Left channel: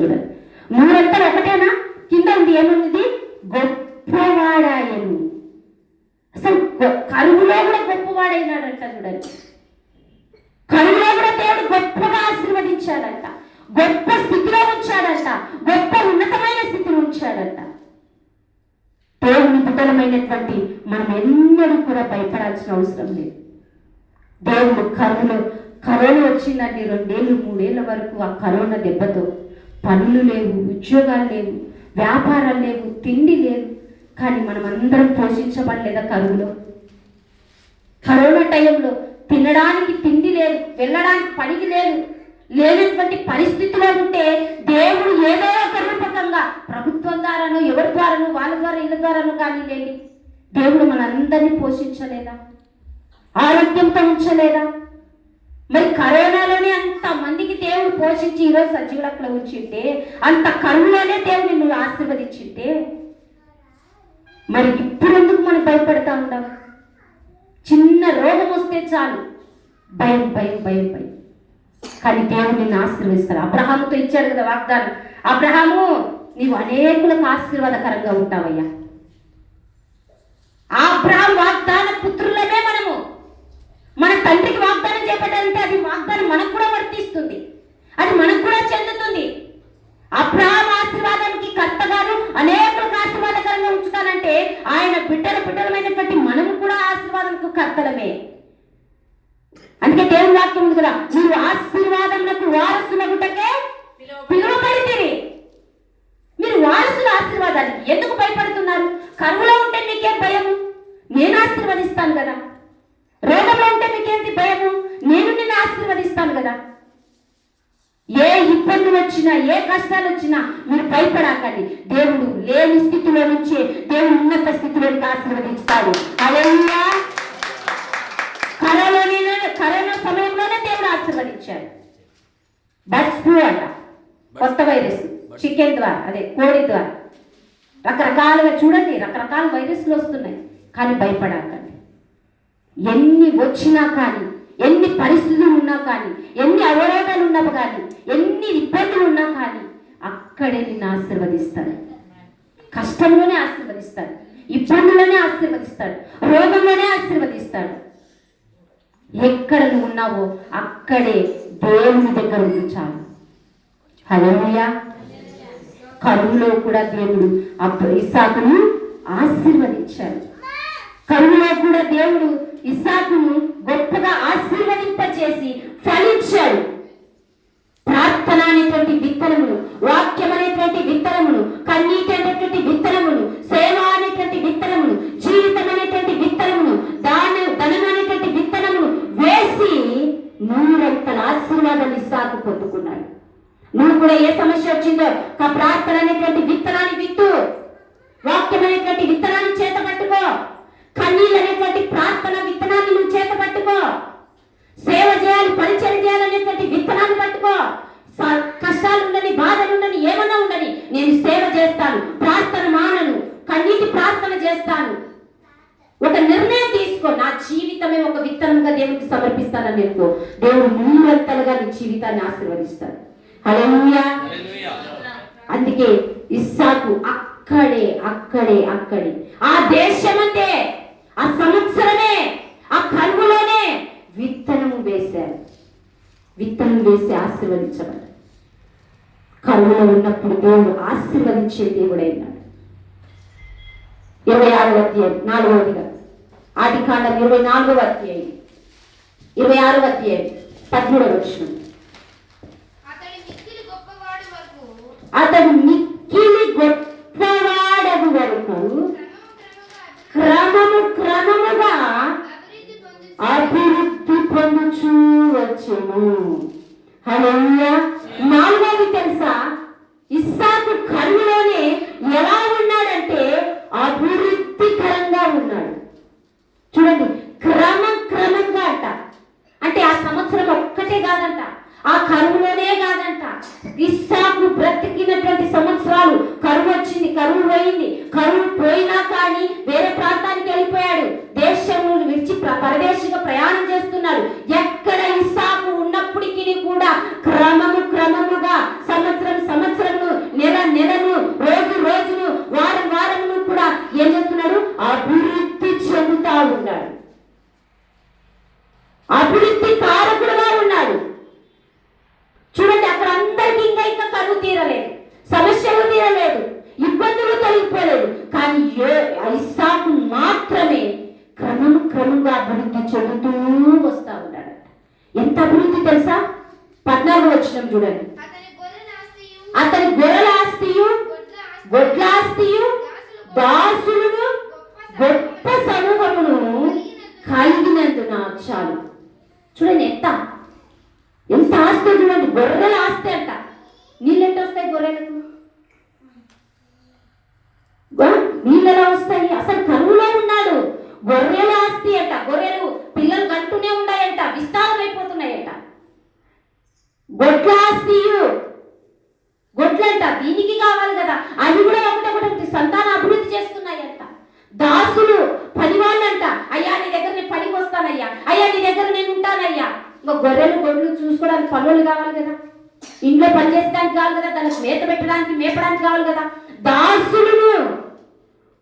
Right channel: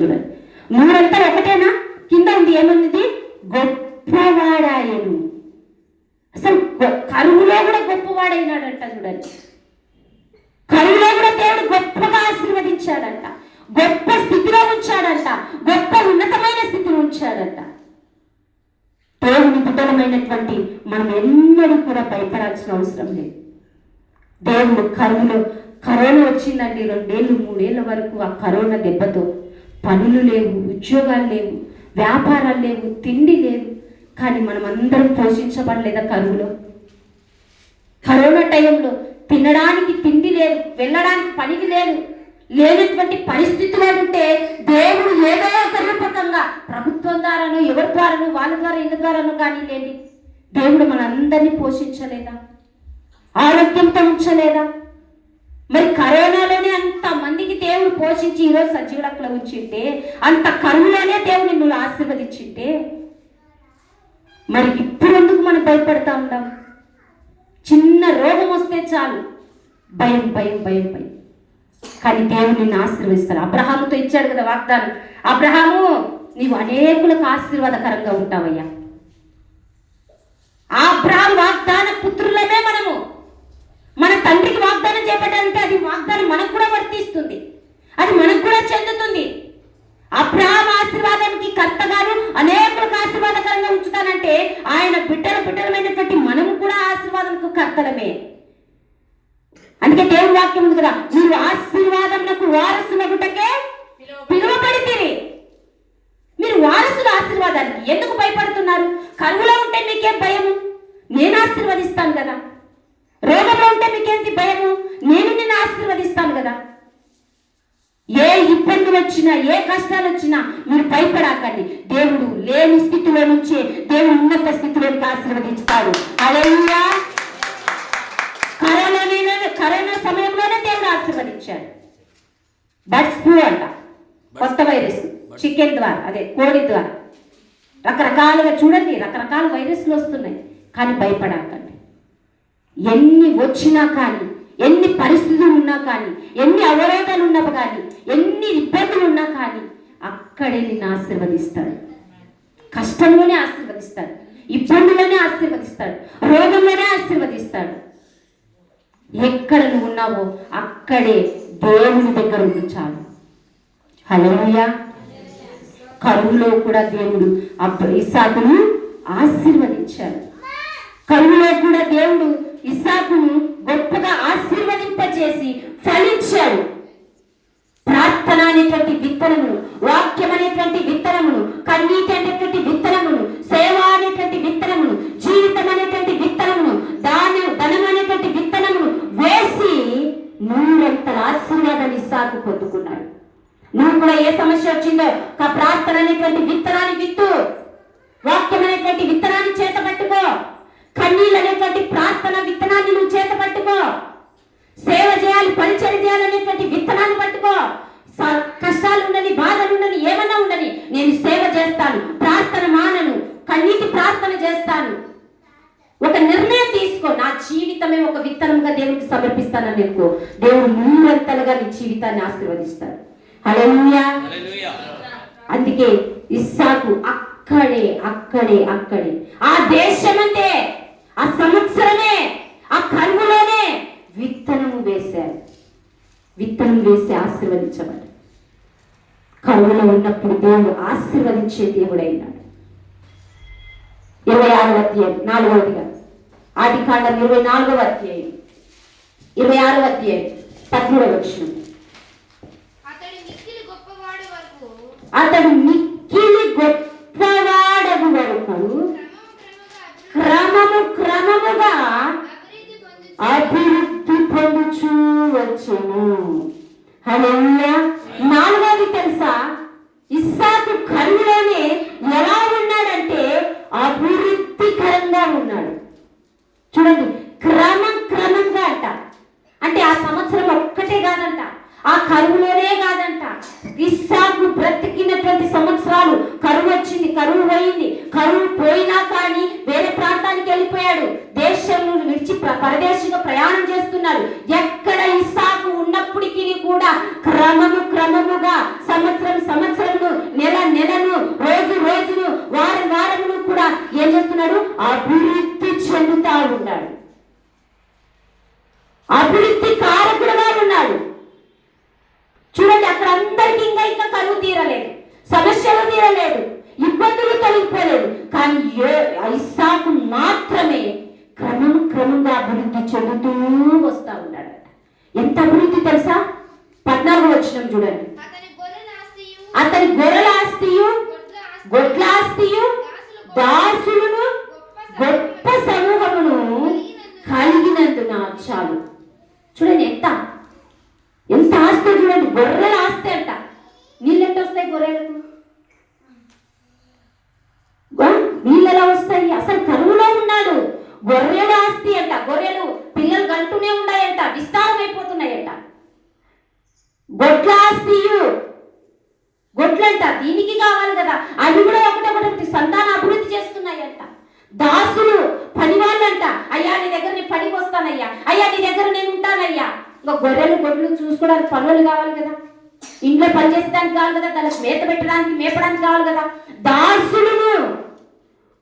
చూడండి, మూడంతా ఒకటేనా? కింద ఉంది ఏమన్నది? గొప్పవాడాయను. అసలు కరువులో కూడా గొప్పవాడైనాడంట. చూడండి, కరువులో కూడా దేవుడు గొప్పగా ఆశీర్వదించాడంట, గొప్ప స్థితిలో ఉంచాడంట, గొప్ప ఉన్నతమైన స్థితిలో ఉంచాడంట. దేవుని బిడ్డలమైనటువంటి మనం ఎన్నడూ కూడా భయపడాల్సిన అవసరం లేదు. దేవుడు కరోనా వచ్చిందండి, 2 ఏళ్ళు 3 ఏళ్ళ వరకు ఆ కరోనా దెబ్బతో పనులు లేవు, ఉద్యోగాలు లేవు, వ్యాపారాలు లేవు, తిండి లేదు. కానీ మనం అందరం పోషించబడలేదా? కరోనా టైంలో తినడానికి తిండి లేదు, వెళ్ళడానికి పనికి లేదు, లేనటువంటి పరిస్థితిలో ఉంటే దేవుడు ఏదో ఒక రూపకంగా ప్రభుత్వం ద్వారానో, ఎవరి ద్వారానో, వాళ్ళ ద్వారా, ఇళ్ళ ద్వారానో కానీ లేండి, దేవుడు మనందరినీ పోషించలేదా? ఆరోగ్యంతో ఉంచలేదా? మరి కరోనాలోనే అంత మందికి దేవుడు పోషించి ఈరోజు సజీవుడక్కలో ఉంచింటే, అంత కరువులోనే దేవుడిని నువ్వు ఆశీర్వదించింటే, మరి ఇప్పుడు ఎందుకు మనం భయపడతా ఉంటాం? చిన్న రోగం వస్తే చాలు భయం భయం భయం భయం. కానీ దేవుడు నిన్ను ఆశీర్వదిస్తాడు. అబ్రహాముతో ఇచ్చాడు కదా వాగ్దానం, అబ్రహాము నీవు అనేకులకు ఆశీర్వాదకరంగా ఉంటావయ్యా. అబ్రహాం వాగ్దాన పుత్రులమే మనము. మన తండ్రికి వాగ్దానం చేపట్టాలంటే అది వాగ్దానం మనకు కూడా వర్తిస్తుంది, అది మనకు కూడా చెందుతుంది. అబ్రహాం ఆశీర్వాదానికి కర్తగాను అనేకులకు ఆశీర్వాదకరంగా ఉంచుతానంటే ఆయన బిడ్డలమైనటువంటి మనము కూడా ఆశీర్వాదానికి కర్తలమే. అందుకే దేవుని వాక్యం ఉంది కదా, మీరు ఆశీర్వాదములకు వారసులగుటకే పిలువబడితిరి. మీరు వారసుల ఆశీర్వాదానికి ఎందుకు భయపడుతున్నారు? కరువులో ఉంటే మీకేం భయము? నేను ఆశీర్వదిస్తాను కదా. రోగంలో ఉంటే మీకేంటి భయము? నేను నిన్ను ఆశీర్వదిస్తాను కదా. ఏ ఇబ్బందులు వచ్చినా, ఏ కష్టాలు వచ్చినా మీరు భయపడకండి. దేవుడు లేని స్థితిలో నుంచి దేవుడు ఉన్నత స్థితిలోకి ఆశీర్వదిస్తాడు. హల్లెలూయా. కరోనా సమయంలోనే దేవుడు ఆశీర్వదించాడు. బర్డ్స్ ఫ్లూ అంట, కొత్త వైరస్, చికెన్ ద్వారా, అదే కోడి ద్వారా, రకరకాలుగా చూడండి, రకరకాల వైరస్లు వస్తున్నాయి. కానీ భయపడకండి. ఎన్ని వచ్చినా కానీ, ఎన్ని పరిస్థితులు ఉన్నా కానీ, ఎన్ని అవరోధాలు ఉన్నా కానీ, ఎన్ని ఇబ్బందులు ఉన్నా కానీ అక్కడే నిన్ను ఆశీర్వదిస్తాడు. కష్టంలోనే ఆశీర్వదిస్తాడు, ఇబ్బందుల్లోనే ఆశీర్వదిస్తాడు, రోగంలోనే ఆశీర్వదిస్తాడు. ఎక్కడ నువ్వు ఉన్నావో అక్కడే దేవుని దగ్గర ఉంది చాలు. హల్లెలూయా. కరువులో కూడా దేవుడు ఇస్సాకును ఆశీర్వదించాడు. కరువులో కూడా దేవుడు ఇస్సాకును గొప్పగా ఆశీర్వదింపచేసి ఫలించాడు. ప్రార్థన అనేటువంటి విత్తనమును, వాక్యం అనేటువంటి విత్తనమును, కన్నీటి అనేటువంటి విత్తనమును, సేవ అనేటువంటి విత్తనమును, జీవితం అనేటువంటి విత్తనమును, ధనం అనేటువంటి విత్తనమును వేసి 100 ఆశీర్వాదాన్ని ఇస్సాకు పొందుకున్నాడు. నువ్వు కూడా ఏ సమస్య వచ్చిందో ప్రార్థన అనేటువంటి విత్తనాన్ని విత్తు, వాక్యం అనేటువంటి విత్తనాన్ని చేత పట్టుకో, కన్నీళ్ళు అనేటువంటి ప్రార్థన విత్తనాన్ని నువ్వు చేత పట్టుకో, సేవ చేయాలి, పరిచయం చేయాలనేటువంటి విత్తనాన్ని పట్టుకో. కష్టాలు ఉండని, బాధలు ఉండని, ఏమన్నా ఉండని, నేను సేవ చేస్తాను, ప్రార్థన మానను, కన్నీటి ప్రార్థన చేస్తాను. ఒక నిర్ణయం తీసుకో, నా జీవితమే ఒక విత్తనంగా దేవుడికి సమర్పిస్తానని అనుకో, దేవుడు 100 నీ జీవితాన్ని ఆశీర్వదిస్తాడు. హల్లెలూయా. అందుకే ఇస్సాకు అక్కడే ఆ దేశమంటే, ఆ సంవత్సరమే, ఆ కరువులోనే విత్తనం వేసి ఆశీర్వదించబడ్డాడు. కరువులో ఉన్నప్పుడు దేవుడు ఆశీర్వదించే దేవుడైనాడు. 26వ అధ్యాయం 4వదిగా, ఆదికాండం 24వ అధ్యాయం 26వ అధ్యాయం 13వ వచనం. అతడు మిక్కిలి గొప్పవాడగు వరకు క్రమముగా అభివృద్ధి పొందుచూ వచ్చెను. హల్లెలూయా. 4వది తెలుసా? ఇస్సాకు కరువులోనే ఎలా ఉన్నాడంటే అభివృద్ధికరంగా ఉన్నాడు. చూడండి, క్రమంగా అంట. అంటే ఆ సంవత్సరం ఒక్కటే కాదంట, ఆ కరువులోనే కాదంట. ఇస్సాకు బ్రతికినటువంటి సంవత్సరాలు, కరువు వచ్చింది, కరువు పోయింది, కరువు పోయినా కానీ వేరే ప్రాంతానికి వెళ్ళిపోయాడు, దేశం విడిచి పరదేశంగా ప్రయాణం చేస్తున్నాడు. ఎక్కడ ఇస్సాకు ఉన్నప్పటికీ కూడా క్రమముగా సంవత్సరం గొడ్లాస్తియు దాసులను గొప్ప సమూహమును కలిగినందున చాలు. చూడండి ఎంత ఎంత ఆస్తి, చూడండి గొర్రెల ఆస్తి అంట. నీళ్ళు ఎంత వస్తాయి గొర్రెలకు? నీళ్ళలో వస్తాయి. అసలు కరువులో ఉన్నాడు. గొర్రెల ఆస్తి అంట. గొర్రెలు పిల్లలు కంటూనే ఉన్నాయంట, విస్తారం అయిపోతున్నాయంట. గొడ్ల ఆస్తియు, గొడ్లంట దీనికి కావాలి కదా, అవి కూడా ఒకటి సంతాన అభివృద్ధి చేస్తున్నాయంట. దాసులు పని వాళ్ళంట. అయ్యా నీ దగ్గర నేను పనికి వస్తానయ్యా, అయ్యా నీ దగ్గర నేను ఉంటానయ్యా. ఇంకా గొర్రెలు గొడ్లు చూసుకోవడానికి పనులు కావాలి కదా, ఇంట్లో పని చేసడానికి కావాలి కదా, దానికి మేత పెట్టడానికి మేపడానికి కావాలి కదా. దాసులను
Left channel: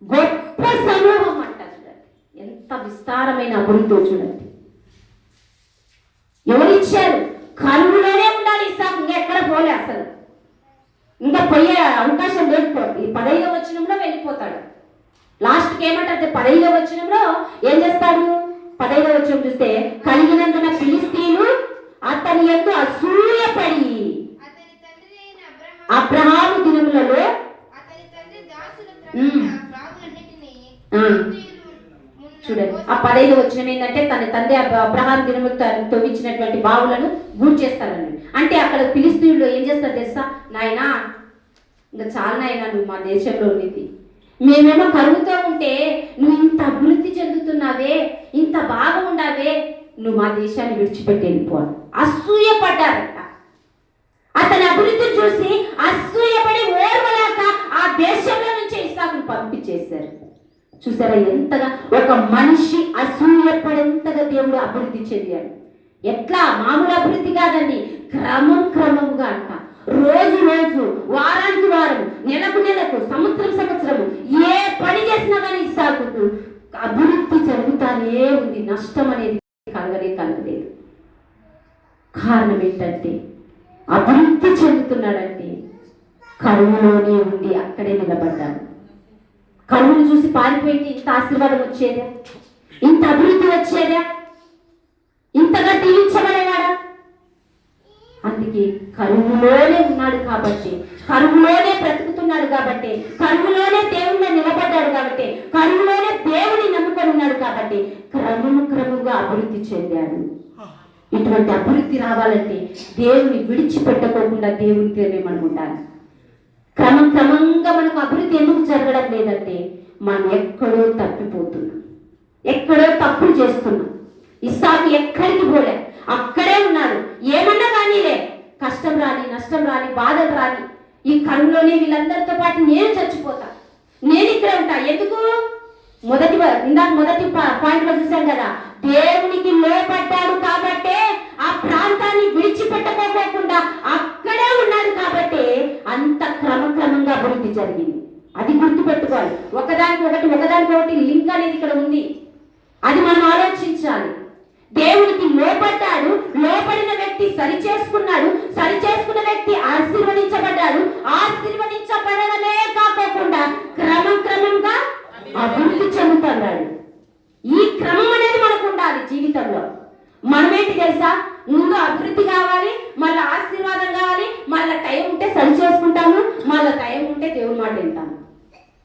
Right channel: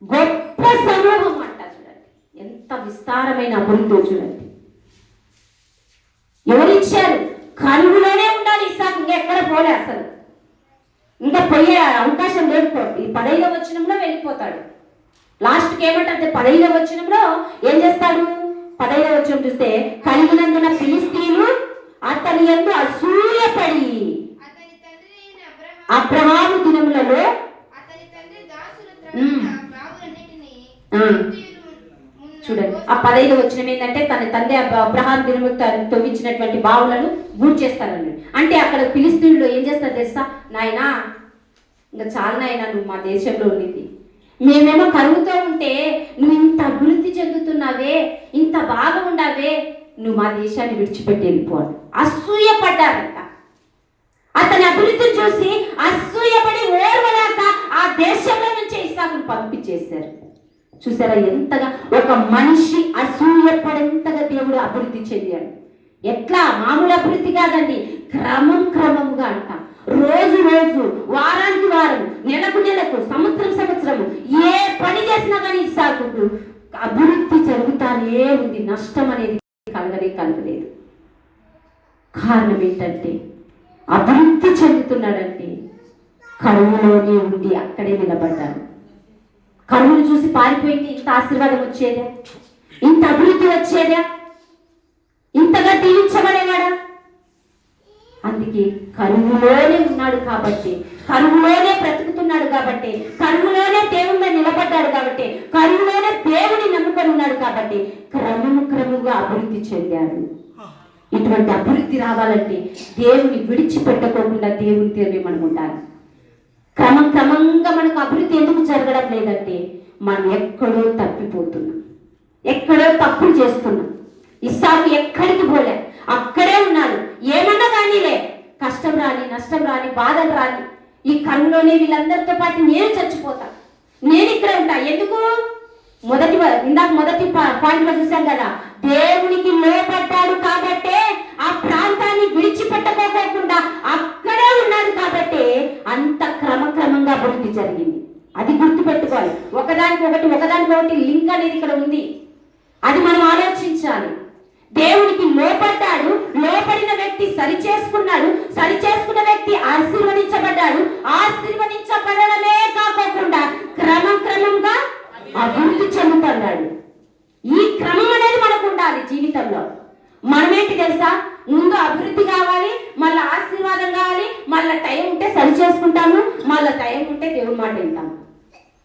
గొప్ప సమూహం అంట. చూడండి ఎంత విస్తారమైన అభివృద్ధి. చూడండి ఎవరిచ్చారు? కరువులోనే ఉండాలి ఇస్సాకు, ఇంకా ఎక్కడ పోలే అసలు, ఇంకా పోయే అవకాశం లేదు. ఈ 15వ వచనంలో వెళ్ళిపోతాడు. లాస్ట్కి ఏమంటే 15వ వచనంలో ఏం చేస్తాడు? 15వ వచనం చూస్తే, కలిగినందున ఫిలిష్తీయులు అతని యందు అసూయపడి అబ్రహాము దినములలో చూడండి ఆ 15వ వచనం ఏంటంటే, తన తండ్రి అబ్రహాం దినములు తవ్వించినటువంటి బావులను గూడ్ చేస్తారండి. అంటే అక్కడ ఫిలిష్తీయులు ఏం చేస్తారు తెలుసా? నాయనా ఇంకా చాలా నాయనా, నువ్వు మా దేశంలో ఉన్నది, మేమేమో కరువుతో ఉంటే నువ్వు ఇంత అభివృద్ధి చెందుతున్నావే, ఇంత బాగా ఉండావే, నువ్వు మా దేశాన్ని విడిచిపెట్టి వెళ్ళిపోవాలి. అసూయపడ్డారంట. అతని అభివృద్ధిని చూసి అసూయపడి ఓర్వలేక ఆ దేశంలో నుంచి ఇస్సాకును పంపించేశారు. చూసారా ఎంతగా ఒక మనిషి అసూయపడేంతగా దేవుడు అభివృద్ధి చెందాడు. ఎట్లా? మామూలు అభివృద్ధి కాదండి, క్రమంగా అంట. రోజు రోజు, వారానికి వారం, నెలకు నెలకు, సంవత్సరము ఏ పని చేసినా కానీ ఇస్సాకుకు అభివృద్ధి జరుగుతానే ఉంది. నష్టం అనేది కలగలేదు. కారణం ఏంటంటే అభివృద్ధి చెందుతున్నాడంటే కరువులోనే ఉండి అక్కడే నిలబడ్డాడు. కరువును చూసి పారిపోయింది ఇంత ఆశీర్వాదం వచ్చేదా? ఇంత అభివృద్ధి వచ్చేదా? ఇంతగా దీవించబడేవాడా? అందుకే కరువులోనే ఉన్నాడు కాబట్టి, కరువులోనే బ్రతుకుతున్నాడు కాబట్టి, కరువులోనే దేవుని నిలబడ్డాడు కాబట్టి, కరువులోనే దేవుని నమ్ముకొని ఉన్నాడు కాబట్టి క్రమంగా అభివృద్ధి చెందాడు. ఇటువంటి అభివృద్ధి రావాలంటే దేవుని విడిచిపెట్టకుండా దేవునితోనే మనం ఉండాలి. క్రమంగా మనకు అభివృద్ధి ఎందుకు జరగడం లేదంటే మనం ఎక్కడో తప్పిపోతున్నాం, ఎక్కడో తప్పులు చేస్తున్నాం. ఇస్సాకు ఎక్కడికి పోలే, అక్కడే ఉన్నాడు. ఏమన్నా కానీలే, కష్టం రాని, నష్టం రాని, బాధలు రాని, ఈ కరువులోనే వీళ్ళందరితో పాటు నేను చచ్చిపోతా, నేను ఇక్కడ ఉంటా. ఎందుకు? మొదటి పాయింట్లో చూసాం కదా, దేవునికి లోపడ్డాడు కాబట్టే ఆ ప్రాంతాన్ని విడిచిపెట్టుకోకుండా అక్కడే ఉన్నాడు కాబట్టి అంత క్రమంగా అభివృద్ధి జరిగింది. అది గుర్తుపెట్టుకోవాలి. ఒకదానికొకటి లింక్ అనేది ఇక్కడ ఉంది. అది మనం ఆలోచించాలి. దేవునికి లోపడ్డాడు, లోపడిన వ్యక్తి సరి చేసుకున్న వ్యక్తి ఆశీర్వదించబడ్డాడు. ఆశీర్వదించబడడమే కాకుండా క్రమంగా అభివృద్ధి చెందుతున్నాడు. ఈ క్రమం అనేది మనకు ఉండాలి జీవితంలో. మనమేంటి తెలుసా? ముందు అభివృద్ధి కావాలి, మళ్ళీ ఆశీర్వాదం కావాలి, మళ్ళీ టైం ఉంటే సరి చేసుకుంటాము, మళ్ళీ టైం ఉంటే దేవుని మాట వింటాము.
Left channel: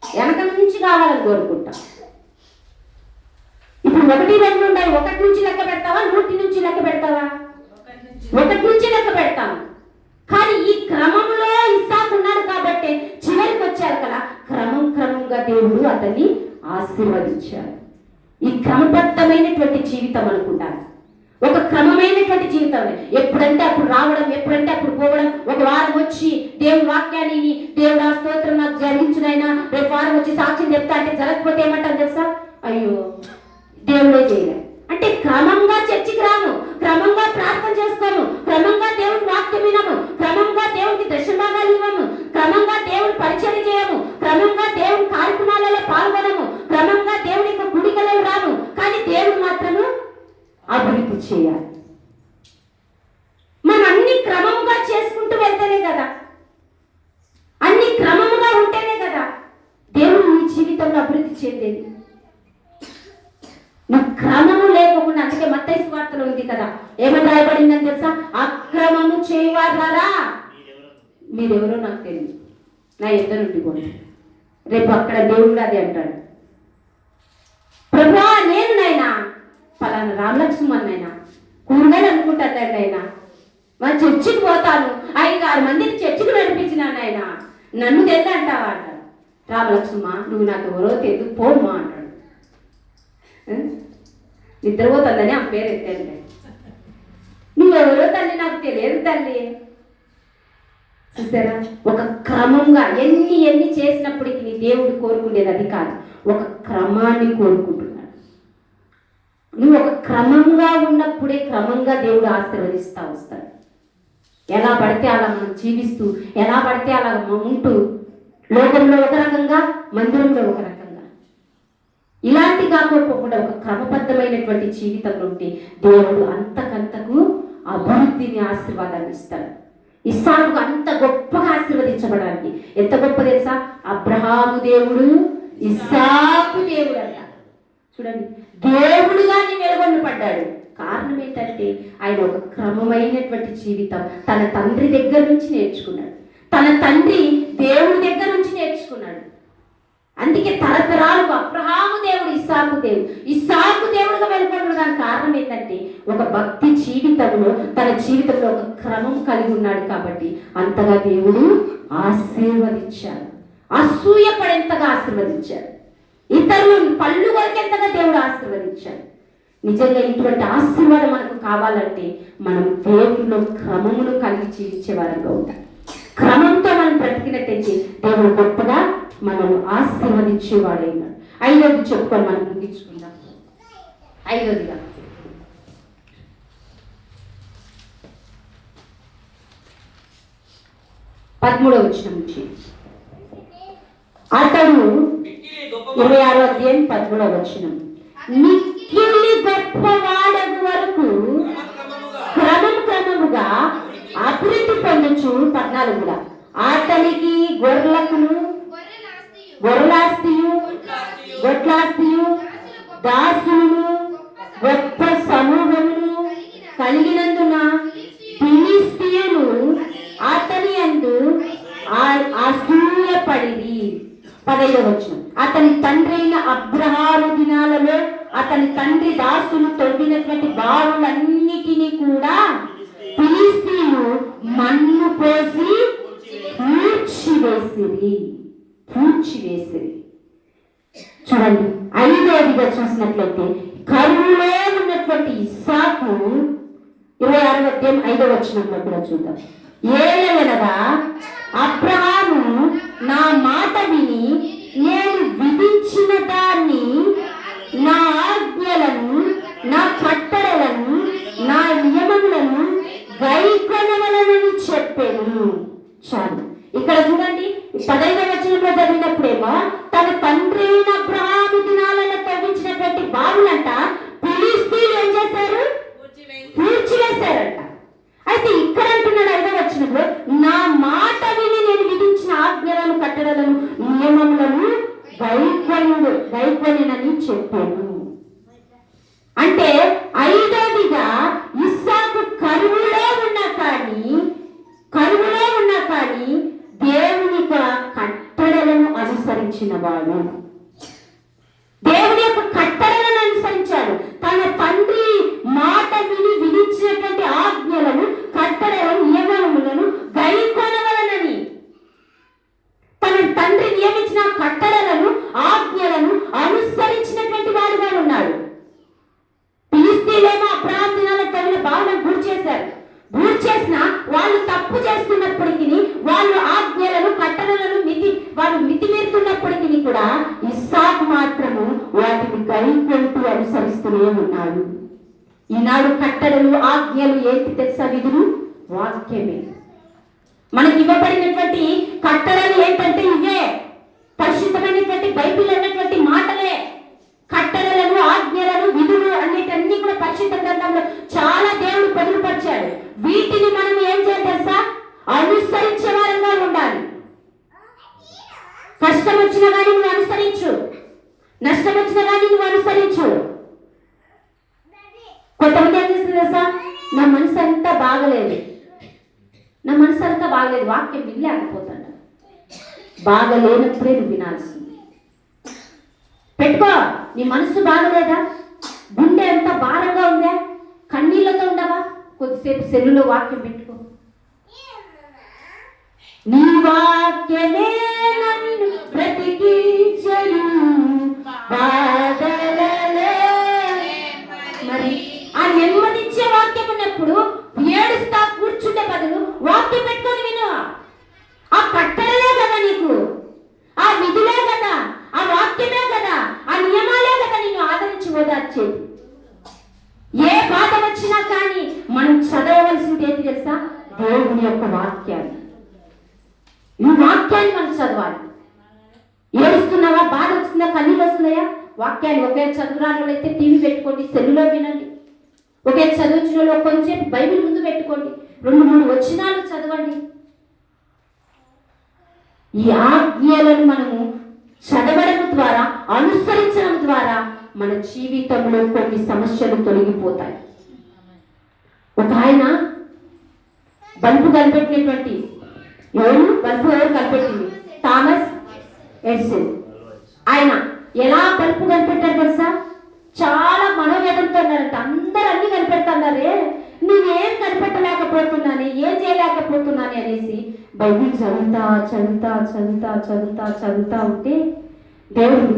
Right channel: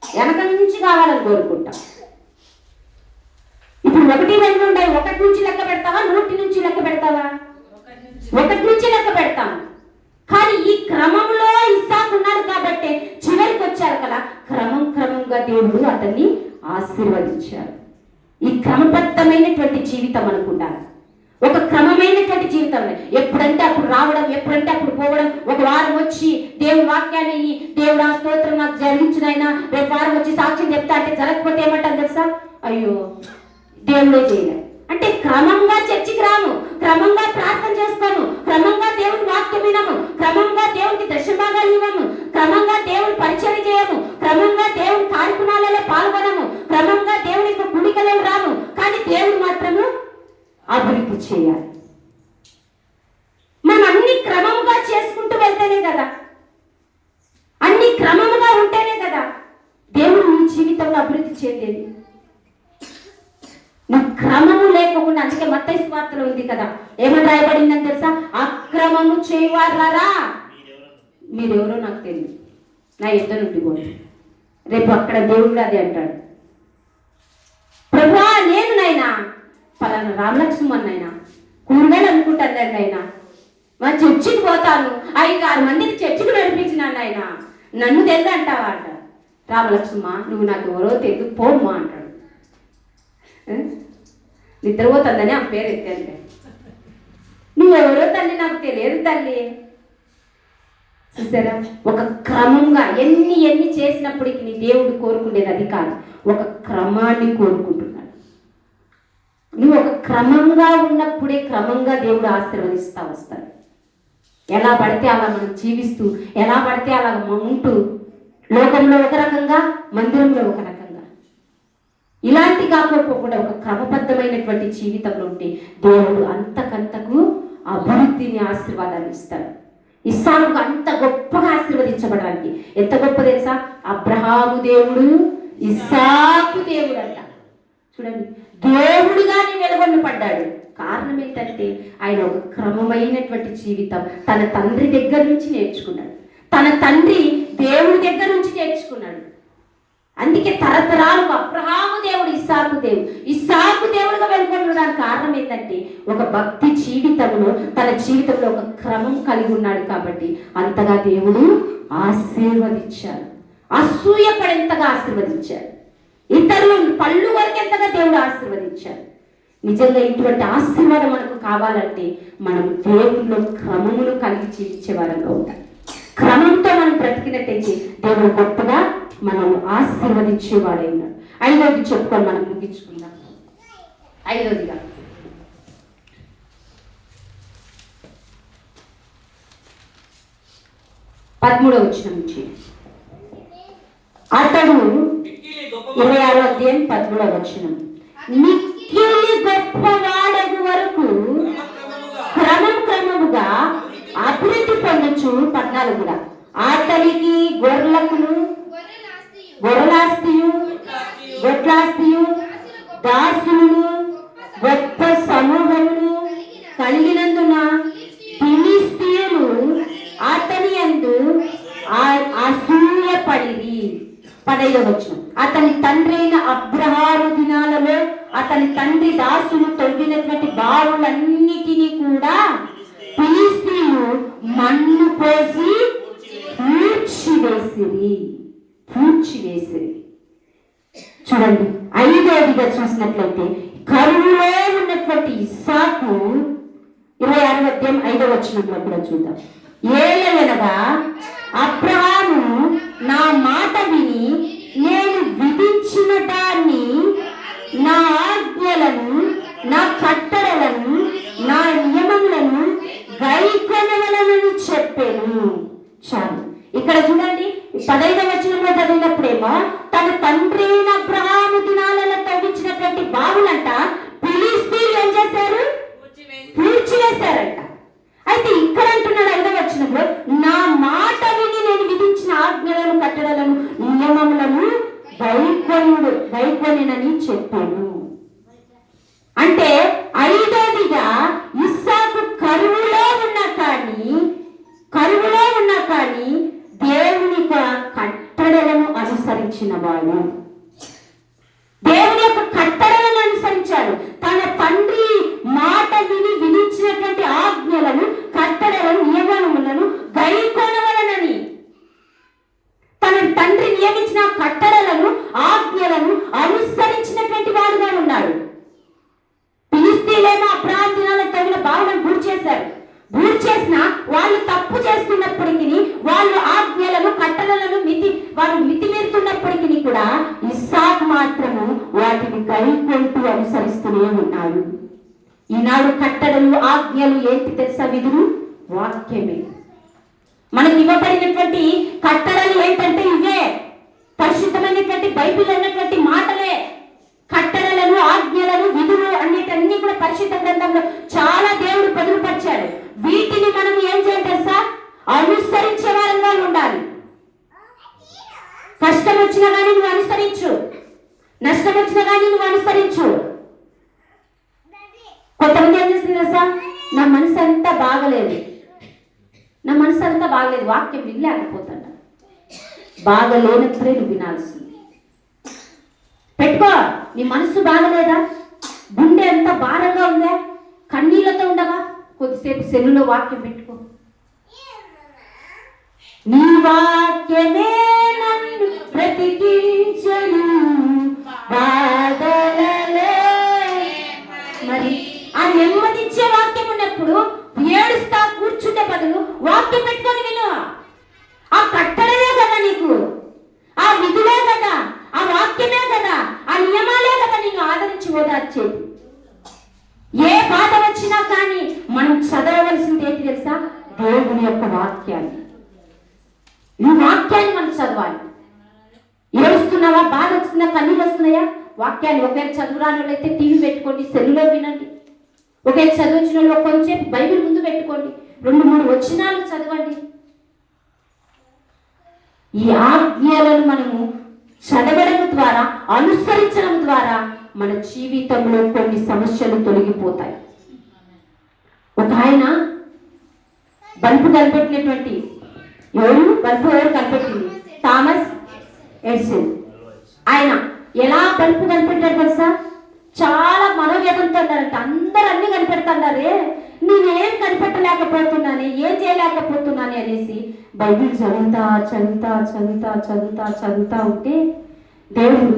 వెనక నుంచి కావాలని కోరుకుంటాం. ఇప్పుడు 1, 2 ఉన్నాయి. 1 నుంచి లెక్క పెడతావా? 100 నుంచి లెక్క పెడతావా? 1 నుంచి లెక్క పెడతాం. కానీ ఈ క్రమంలో ఇస్సాకు ఉన్నాడు కాబట్టి చివరికి వచ్చారు కదా, క్రమంగా దేవుడు అతన్ని ఆశీర్వదించాడు. ఈ క్రమబద్ధమైనటువంటి జీవితం అనుకుంటారు. ఒక క్రమమైనటువంటి జీవితం. ఎప్పుడంటే అప్పుడు రావడం, ఎప్పుడంటే అప్పుడు పోవడం. ఒక వారం వచ్చి దేవుని వాక్యాన్ని, దేవుడు ఆ స్తోత్రం నాకు జరిగించినైనా, రేపు వారం వచ్చి సాక్ష్యం చెప్తా అంటే జరగకపోతే ఏమంటారు తెలుసా? అయ్యో దేవుడే చేయలేదు అంటే. క్రమంగా చర్చికి రాము, క్రమంగా ప్రార్థన చేసుకోము, క్రమంగా దేవుని వాక్యం వినము, క్రమంగా దేవునికి దశభాగాలు ఇవ్వము, క్రమంగా దేవుని పరిచయం చేయము, క్రమంగా దేవుని కార్యక్రమాలలో పాల్గొనము, క్రమంగా దేవుని యొక్క గుడికలను రాము. కానీ దేవుడు మాత్రము అభివృద్ధి చేయాలి. మనం అన్ని క్రమంగా చేసుకుంటూ వెళ్తేనే కదా, అన్ని క్రమంగా ఉంటేనే కదా దేవుడు నీ జీవితంలో అభివృద్ధి చెందేది. నువ్వు క్రమము లేకుండా, అందుకే మత్తయి సువార్తలో ఉంది కదా, ఏమని రాయబడిందని తెలుసా? అక్రమము చేయవారా మీరెవరో నాకు తెలియదు, నా ఎదురు నుండి పోండి. రేపు అక్కడ దేవుడు అదే అంటాడు, ప్రభువా నేను నాయనా పలానా రామలక్ష్మణ్ కూరగాయలు అనుకుంటాను ఆయన, మా చర్చికి పోతాను 5-6 మందిని చర్చికి నడిపించినాను ఆయన, నన్ను తెద్దంటావా అంట. రామలక్ష్మ నువ్వు నాకు ఎవరో తెద్దు పోమ్మా అంటాడు. నిద్రపోతుందని ఆ పేరు ఎత్తాను. నువ్వెవరో తల్లి నాకు తెలియదు తల్లి. చూసారా, ఒక క్రమంగా ఎన్ని చేసినప్పటికీ నీ దేవుడు కోరుకునేది అది కాదు, ఒక క్రమాన్ని కోరుకుంటున్నాడు. నువ్వు ఒక క్రమంగా ఉన్నప్పుడే క్రమంగా దేవుడు ఆశీర్వదిస్తూ వస్తాడు. ఎలా పడితే అలా మనం జీవిస్తూ, ఎలా పడితే అలా ఉంటూ, లోకంలో ఒక రకంగా మందిరంలో ఒక రకంగా, ఇలాంటి కాకపోకుండా ఒక క్రమబద్ధమైనటువంటి జీవితంలో ఉంటే దేవుడు అంతకంతకు అభివృద్ధిని ఆశీర్వాదాన్ని ఇస్తాడు. ఇస్సాకు అంత గొప్పగా ఆశీర్వదించబడడానికి ఎంత గొప్ప తెలుసా? అబ్రహాము దేవుడు, ఇస్సాకు దేవుడు అంట. చూడండి, దేవుడుగానే వెలుగొన్న పడ్డాడు. కారణం ఏంటంటే ఆయన ఒక క్రమమైనటువంటి జీవితం తన తండ్రి దగ్గర నుంచి నేర్చుకున్నాడు. తన తండ్రి దేవుడి దగ్గర నుంచి నేర్చుకున్నాడు. అందుకే తరతరాలకు అబ్రహాము దేవుడు, ఇస్సాకు దేవుడుగా వెలుగొనడానికి కారణం ఏంటంటే ఒక భక్తి జీవితంలో తన జీవితంలో ఒక క్రమం కలిగి ఉన్నాడు. కాబట్టి అంతగా దేవుడు ఆశీర్వదించాడు. అసూయపడేంతగా ఆశీర్వదించాడు. ఇతరులు పళ్ళు వరకెంతగా దేవుడు ఆశీర్వదించాడు. నిజంగా ఇటువంటి ఆశీర్వాదం మనకు కావాలంటే మనం దేవుడిలో క్రమమును కలిగి జీవించే వారంగా ఉంటాం. క్రమంతో మనం బ్రతికినట్టయితే దేవుడు గొప్పగా మనం ఆశీర్వదించేవాడే ఉన్నాడు. 5వది చెప్పుకొని మనం ముగించుకుందాం. 5వదిగా 13వ వచనం నుంచి అతడు 26వ అధ్యాయం 13వ వచనం, మిక్కిలి గొప్పవాడగు వరకు క్రమముగా అభివృద్ధి పొందొచ్చు. 14 అతనికి గొర్రెలాస్తియు గొడ్లాస్తియు దాసులను గొప్ప సమూహమును కలిగినందున ఫిలిష్తీయులు అతని యందు అసూయపడిరి. 15వ వచనం, అతని తండ్రి అయిన అబ్రహాము దినాలలో అతని తండ్రి దాసులు తొలగినటువంటి బావులన్నిటినీ కూడా ఫిలిష్తీయులు మన్ను పోసి పూడ్చివేసిరి. చూడండి, 5వదిగా చూసినట్లయితే కరువులో ఉన్నటువంటి ఇస్సాకు 26వ అధ్యాయం 5వ వచనంలో కూడా చూద్దాం. ఏలనగా అబ్రహాము నా మాట విని నేను విధించిన దాన్ని, నా ఆజ్ఞలను, నా కట్టడలను, నా నియమములను గైకొనవలెనని చెప్పాను. చాలు. ఇక్కడ చూడండి, 15వ వచనంలో చదివినప్పుడేమో తన తండ్రి అయిన అబ్రహాము దినాలలో తవ్వించినటువంటి బావులంట ఫిలిష్తీయులు ఏం చేశారు? పూడ్చివేశారంట. అయితే ఇక్కడ అంటున్నాడు 5వ వచనంలో, నా మాట విని నేను విధించిన ఆజ్ఞలను, కట్టడలను, నియమములను గైకొనని చెప్పాడు. అంటే 5వదిగా ఇస్సాకు కరువులో ఉన్నా కానీ దేవుని కట్టడలను అనుసరించిన వాడు, దేవుని యొక్క కట్టడలను అనుసరించాడు. తన తండ్రి మాట విని విధించినటువంటి ఆజ్ఞలను, కట్టడలను, నియమములను గైకొనవలెనని, తన తండ్రి నియమించిన కట్టడలను, ఆజ్ఞలను అనుసరించినటువంటి వాడుగా ఉన్నాడు. ఫిలిష్తీయులేమో అబ్రహాము దినాలలో తగిన బావులను చేసిన వాళ్ళు తప్పు చేస్తున్నప్పటికీ, వాళ్ళు ఆజ్ఞలను, కట్టడలను వారు మితిమీరుతున్నప్పటికీ కూడా ఇస్సాకు మాత్రము వాటిని గైకొంటూ అనుసరిస్తూనే ఉన్నాడు. ఈనాడు కట్టడలు, ఆజ్ఞలు ఏంటి తెలుసా? విధులు వాక్యమే. మనకి ఇవ్వబడినటువంటి కట్టడలు ఏంటంటే ఇవే, పరిశుద్ధమైనటువంటి బైబిల్ ఉన్నటువంటి మాటలే. కట్టడలను, ఆజ్ఞలను, విధులు అన్నిటన్నీ కూడా పరిశుద్ధ గ్రంథంలో చాలా దేవుడు పొందుపరిచాడు. వీటిని మనం ఏం చేయాలి తెలుసా? అనుసరించే వారంగా ఉండాలి. కష్టం వచ్చినా కానీ నువ్వు అనుసరించు, నష్టం వచ్చినా కానీ నువ్వు అనుసరించు. కొంతమంది ఏం చేస్తుంది తెలుసా? నా మనసు అంతా బాగలేదు, వాక్యం వినలేకపోతాను. బాగలేనప్పుడే నువ్వు వినాల్సింది. పెట్టుకో. నీ మనసు బాగలేదా? గుండె ఎంత భారంగా ఉందా? కన్నీళ్లతో ఉండవా? కొద్దిసేపు సెల్లులో వాక్యం పెట్టుకో. నీ వాక్యమే నన్ను బ్రతికించెను బాధలలో. మరి ఆ నెమ్మదిచ్చే వాక్యం ఉన్నప్పుడు ఏడుస్తా కూర్చుంటే బదులు వాక్యం పెట్టుకొని విను. ఆ కట్టడలే కదా నీకు, ఆ విధులే కదా, ఆ వాక్యమే కదా, ఆ నియమాలే కదా నిన్ను ఆదరించి ఓదార్చేది. ఏ బాధ వచ్చినా కానీ మనం చదవవలసింది ఏంటి తెలుసా? దేవుని యొక్క వాక్యాన్ని. ఈ వాక్యాన్ని మనం చదవాలి. ఏడుస్తున్నావా? బాధ వస్తుందా? కన్నీళ్ళు వస్తున్నాయా? వాక్యాన్ని ఒకవేళ చదువురాని వాళ్ళైతే టీవీ పెట్టుకోండి, సెల్లులో వినండి. ఒకవేళ చదివించిన వాళ్ళు కొంచెం బైబిల్ ముందు పెట్టుకోండి, 2-3 వచనాలు చదవండి. ఈ ఆజ్ఞలను మనము చదవడం ద్వారా, అనుసరించడం ద్వారా మన జీవితంలో కొన్ని సమస్యలు తొలగిపోతాయి. ఒక ఆయన బల్బు కనిపెట్టినటువంటి బల్బు ఎవరు కనిపెట్టింది? Thomas Edison. ఆయన ఎలా బల్బు కనిపెట్టారు తెలుసా? చాలా మనోవేదంతో అన్నారంట. అందరూ అన్ని కనిపెడుతున్నారే, నేనేం కనిపెట్టలేకపోతున్నానే, ఏం చేయలేకపోతున్నానే అనేసి బైబిల్ చదువుతా ఉంటే దేవుడు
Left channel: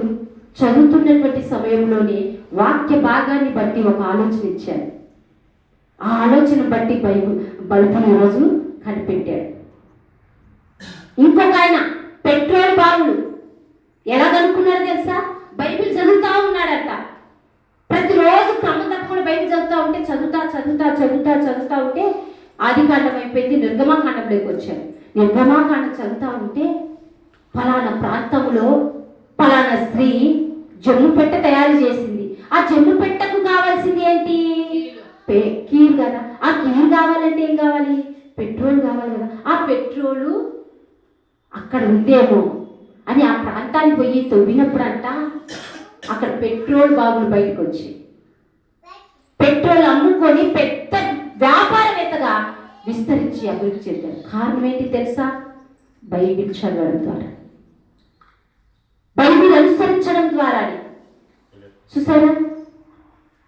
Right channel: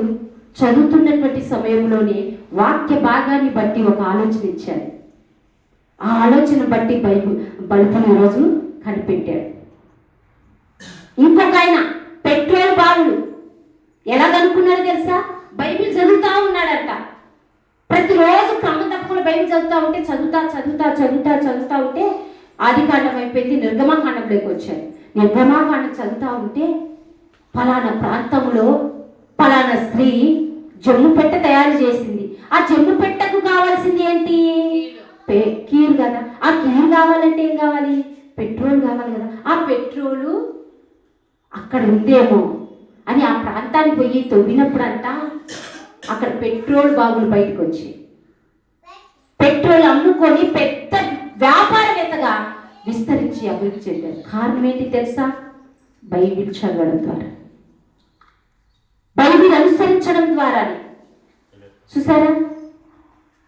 చదువుతున్నటువంటి సమయంలోనే వాక్య భాగాన్ని బట్టి ఒక ఆలోచన ఇచ్చాడు. ఆ ఆలోచన బట్టి బల్బును ఈరోజు కనిపెట్టాడు. ఇంకొక ఆయన పెట్రోల్ బావులు ఎలా కనుక్కున్నారో తెలుసా? బైబిల్ చదువుతా ఉన్నాడంట. ప్రతిరోజు క్రమం తప్పకుండా బైబిల్ చదువుతా ఉంటే ఆదికాండం అయిపోయింది, నిర్గమాకాండంలోకి వచ్చాడు. నిర్గమాకాండం చదువుతా ఉంటే ఫలానా ప్రాంతంలో ఫలానా స్త్రీ జమ్ము పెట్ట తయారు చేసింది. ఆ జమ్ము పెట్టకు కావాల్సింది ఏంటి? కీరు కదా. ఆ కీరు కావాలంటే ఏం కావాలి? పెట్రోల్ కావాలి కదా. ఆ పెట్రోలు అక్కడ ఉందేమో అని ఆ ప్రాంతానికి పోయి తవ్వినప్పుడు అంట అక్కడ పెట్రోల్ బాబులు బయటకు వచ్చి పెట్రోల్ అమ్ముకొని పెద్ద వ్యాపారవేత్తగా విస్తరించి అభివృద్ధి చెందారు. కారణం ఏంటి తెలుసా? బైబిల్ చదవడం ద్వారా, బైబిల్ అనుసరించడం ద్వారానే. చూసారా?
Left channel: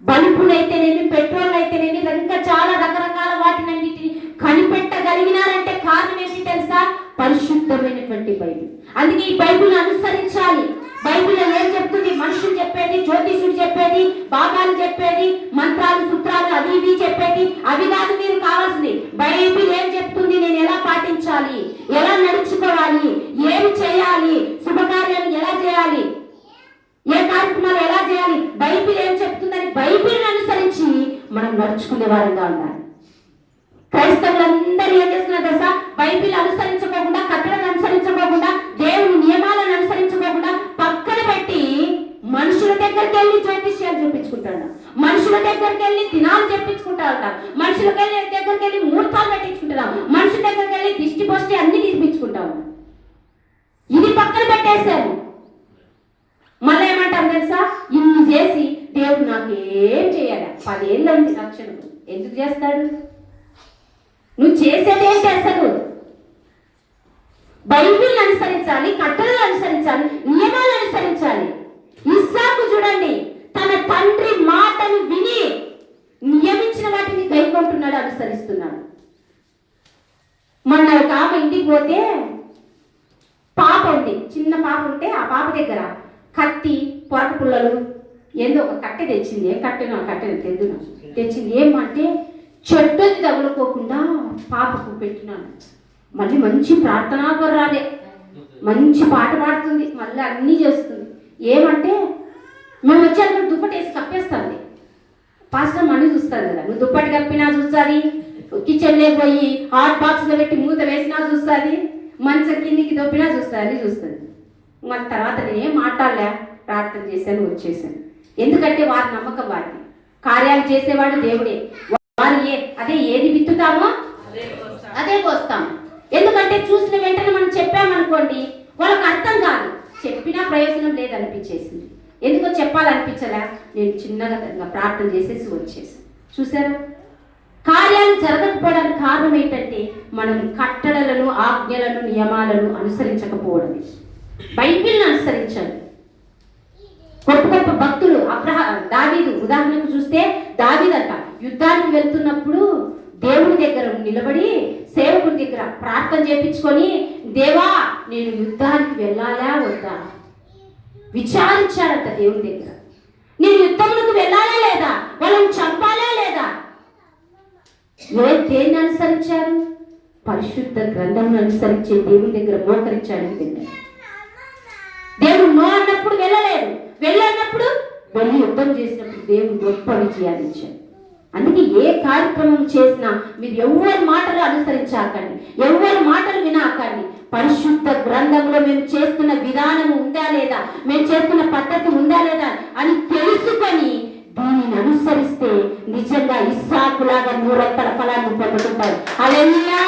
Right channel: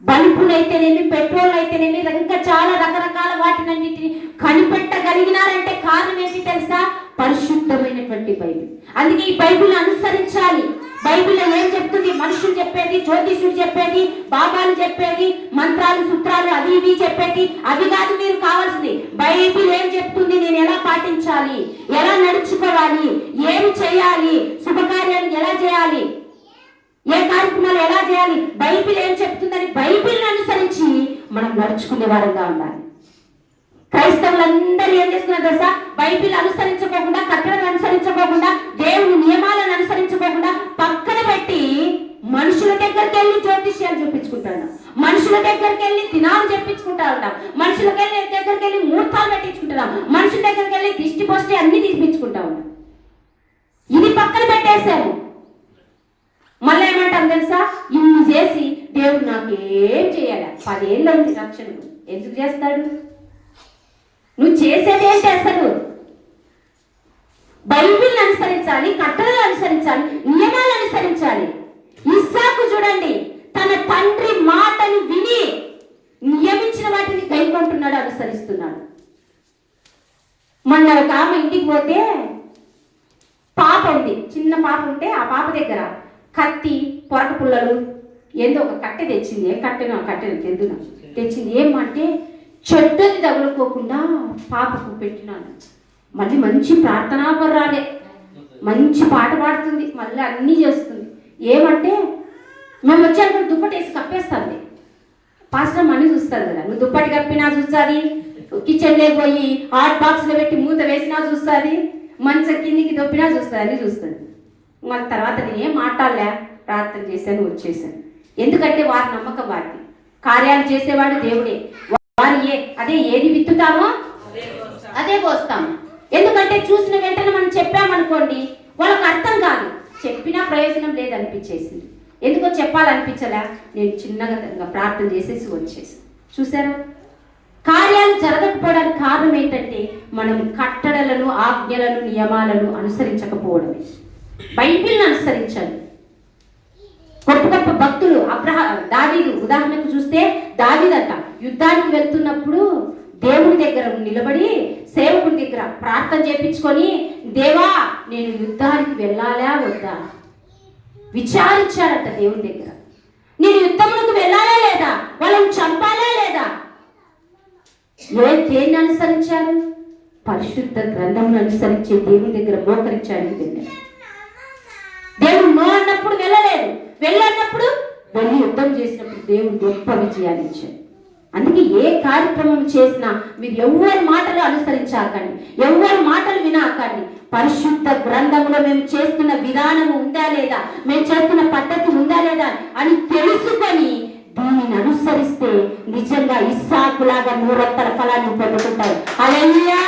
బల్బులైతేనేమి, పెట్రోల్ అయితేనేమి, ఇంకా చాలా రకరకాల వాటినన్నిటిని కనిపెట్టగలిగినారంటే కారణం ఏంటి తెలుసా? పరిశుద్ధమైనటువంటి బైబిల్. అందుకే ఈ బైబిల్ అనుసరించాలి. బైబిల్ ఏం చెప్తుంది? మనుషులు చెప్పేది, జ్యోతిషుడు చెప్పేది, బాబాలు చెప్పేది, మంత్రాలు సూత్రాలు అవి ఇవి చెప్పేది అవి కాదు మీరు కావాల్సింది. బైబిల్ ఏం చెప్తుంది? నేను ఎలా పాటించాలి, ఎలా నడుచుకోవాలి, ఏమి చేయాలి, శుభకార్యాలు ఎలా చేయాలి, ఏ కార్యక్రమాలు ఎలా చేయాలి, బైబిల్ ఏం చెప్తుందని బైబిల్ అనుసరించి మనం నడుచుకునే వారంగా ఉండాలి. క్రైస్తవులందరూ ఏం చేస్తున్నారు తెలుసా? బైబిల్ అనుసరించుకోకుండా, కట్టడలు అనుసరించుకోకుండా, దేవుని నియమాలను అనుసరించుకోకుండా పక్కన పెట్టి మనుషుల దగ్గరికి వెళ్ళి జ్యోతిష్యాలు చూపించుకుంటాడు, మనుషుల దగ్గరికి వెళ్ళి దినాలు చెప్పించుకుంటా ఉంటాం, మనుషుల దగ్గరికి వెళ్ళి ముహూర్తాలు పెట్టించుకుంటున్నాం, మనుషుల దగ్గరికి వెళ్ళి దిష్టి పోస్టి అన్ని తీపించుకుంటా ఉంటాం. ఇది పక్కన పెట్టేశాము. మళ్ళీ ఏమంటాం తెలుసా? ఇన్ని చేసి దేవుడు నాకేం చేయాలి? 10 ఏళ్ళు అయింది రక్షణకు. ఎందుకు చేస్తాడు? నువ్వు చేసేది ఏంటి అసలు? బైబిల్ అనుసరించాలి, కట్టడలు అనుసరించాలి, నియమాలు అనుసరించాలి. ఇస్సాకు చూడండి, తన తండ్రి మాటను విని నియమించిన వాటిని గైకొంటున్నాడు, అనుసరిస్తున్నాడు. మొన్న ఒక ఆమె ఇంటికి పోతే పాప ఉంది, చిన్న పాప ఉంటే ఆ పాప దగ్గర కత్తి, పొరక పుల్లలు ఏందో ఒక కట్టె తెచ్చింది. ఏ కట్టెను తెచ్చింది. ఏమంటే చెట్టుని తగులుకోకుండా పాపకు పెట్టినాను. మళ్ళీ మంచి ప్రార్థనాపరాలే, మంచి పాట పాడుతుంది, మళ్ళీ అన్నీ చేస్తుంది. ఏమంటే మేము వచ్చాక దుప్పటేసి కప్పేస్తుంది. పాస్టర్ మనీ చూస్తుంది కదా, నువ్వు దుప్పటి కప్పినా చూస్తుంది, కిచెన్లోకి పోయి హాట్ బాక్స్లో పెట్టి మూత వేసినా చూస్తుంది, మంచం కిందికి దొప్పినా చూస్తుంది. మన తర్వాత నేనేం మాట్లాడలే, ప్రార్థన చేశాను, వచ్చేసాను. ఎందుకంటే వారి నమ్మకం వారిది. కార్యాలు చేసేవాడు దేవుడే. వారు అదే ఏది విత్తుతామో అదే కోస్తాము. ఎందుకంటే చూసిన వెంటనే మనం చెప్పామనుకోండి, వాళ్ళకి అర్థం కాదు, చెప్పినా ప్రయోజనం లేదనిపించేసింది. ఎందుకో చెప్పాలనిపించలే, నేను చిన్నగా ప్రార్థన చేసేసి వచ్చేసాను. చూసారా? కార్యాలు కార్యాలు జరగకపోవడానికి కారణం ఏంటంటే మనం కట్టడలను, ఆజ్ఞలను, నియమాలను అనుసరించకపోవడమే. బైబిల్ని అనుసరించాలి. గొప్ప గొప్ప భక్తులు దావీదు ఉదాహరణకు చూస్తే, దావీదట యుద్ధానికి వెళ్తున్నప్పుడు దేవుని దగ్గర నిలబడి సేవకుని దగ్గర ప్రార్థన చేయించుకొని, దేవా నేను యుద్ధానికి వెళ్ళాలా వద్దా విచారించాడట దేవుని దగ్గర. నేను యుద్ధంలోకి వెళ్ళాలా లేదా, వాళ్ళని చంపాలా లేదా. దేన్ని అనుసరించారు? పరిశుద్ధ గ్రంథంను అనుసరించే దేవుని దగ్గర మోకరించాడు. దేవుడు నో అన్నప్పుడు వెళ్ళలేదు, వెళ్ళన్నప్పుడు వెళ్ళి యుద్ధం చేసినప్పుడు దేవుడు గొప్ప విజయాన్ని ఇచ్చాడు. అందుకే ఏ కార్యక్రమం చేసినా మీరు ఎవరి మాటలు అనుసరించాకండి, ఎవరి మాటలు వినాకండి. పరిశుద్ధ గ్రంథంలో మేము చేస్తున్న విధానం ఉందా లేదా, మేము చేస్తున్న పద్ధతి ఉందా లేదా అని తెలుసుకొని దీనిని అనుసరిస్తే నిజంగా ఇస్సాకులాగా 100 ఫలాన్ని పొందుకుంటారు. హల్లెలూయా.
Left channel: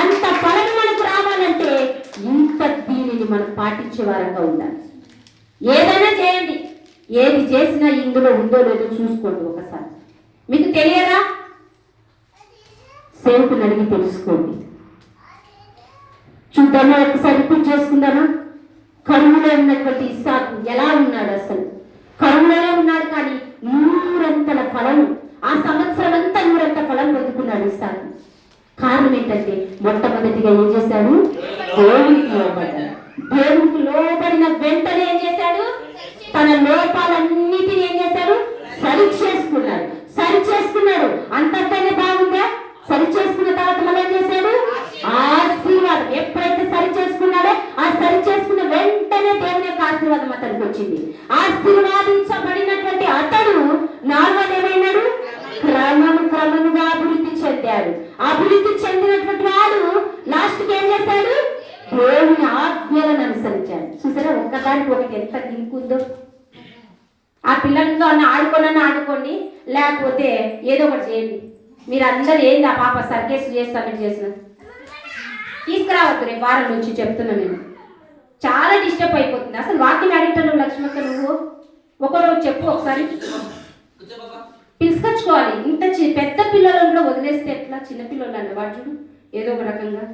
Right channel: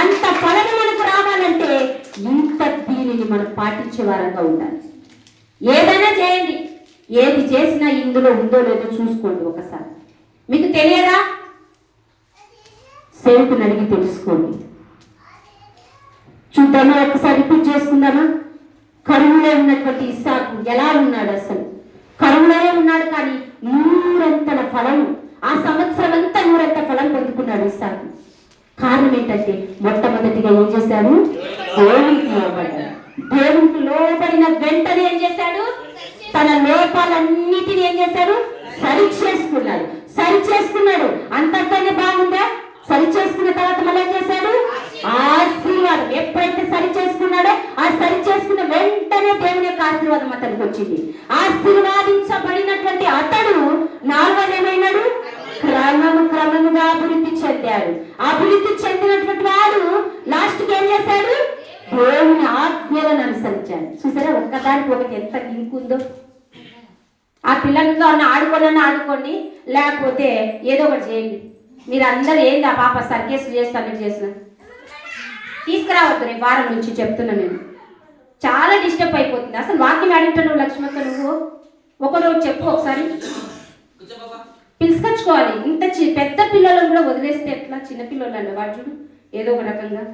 అంత ఫలము మనకు రావాలంటే ఇంత దీనిని మనం పాటించే వారంగా ఉండాలి. ఏదైనా చేయండి, ఏది చేసినా ఇందులో ఉందో లేదో చూసుకోండి. ఒకసారి మీకు తెలియదా, సేవకుని అడిగి తెలుసుకోండి. చూద్దామా, ఒకసారి రిపీట్ చేసుకుందామా. కరువులో ఉన్నటువంటి ఇస్సాకు ఎలా ఉన్నాడు? అసలు కరువులోనే ఉన్నాడు, కానీ 100 ఫలం, ఆ సంవత్సరం అంతా 100 ఫలం పొందుకున్నాడు ఇస్సాకు. కారణం ఏంటంటే మొట్టమొదటిగా ఏం చేశాడు? దేవునికి లోబడ్డాడు. దేవునికి లోబడిన వెంటనే ఏం చేశాడు? తన లోపాలన్నిటిని ఏం చేశాడు? సరి చేసుకున్నాడు. సరి చేసుకున్నాడు. అంతటనే బాగుందా? సరి చేసుకున్న తర్వాత మళ్ళీ ఏం చేశాడు? ఆశీర్వాదం. ఎప్పుడైతే సరి చేసుకున్నాడో ఆ సరి చేసుకున్న వెంటనే దేవుని యొక్క ఆశీర్వాదం అతనికి వచ్చింది. ఆశీర్వాదించబడినటువంటి అతడు 4వది ఏమైనాడు? క్రమముగా అభివృద్ధి చెందాడు. అభివృద్ధి చెందినటువంటి వాడు లాస్ట్కి ఏం చేశాడు? దేవుని ఆజ్ఞలను అనుసరించాడు. చూసారా, ఒక్కదానికి ఒకటి ఎంత లింకుందో. ఆ పిల్లలతో ఆడుకోండి, లేకపోతే ఏదో ఒకటి చేయండి. మీరు అందరూ ఏంది ఆ పాప సర్కేస్ చేస్తాను చేసిన తీసుకురావద్దు. రేపు వారం నుంచి చెప్తున్నా, నేను చాలా డిస్టర్బ్ అయిపోతుంది. అసలు వాక్యం అడిగిటాను లక్ష్మక్క, నువ్వు ఒకరోజు చెప్పు ఒకసారి. పిలుచుకొచ్చుకోవాలి. ఇంత పెద్ద పిల్లలను కూడా వదిలేస్తే ఎట్లా? చిన్న పిల్లలను వాడు చూడు ఏదో ఒక రకంగా.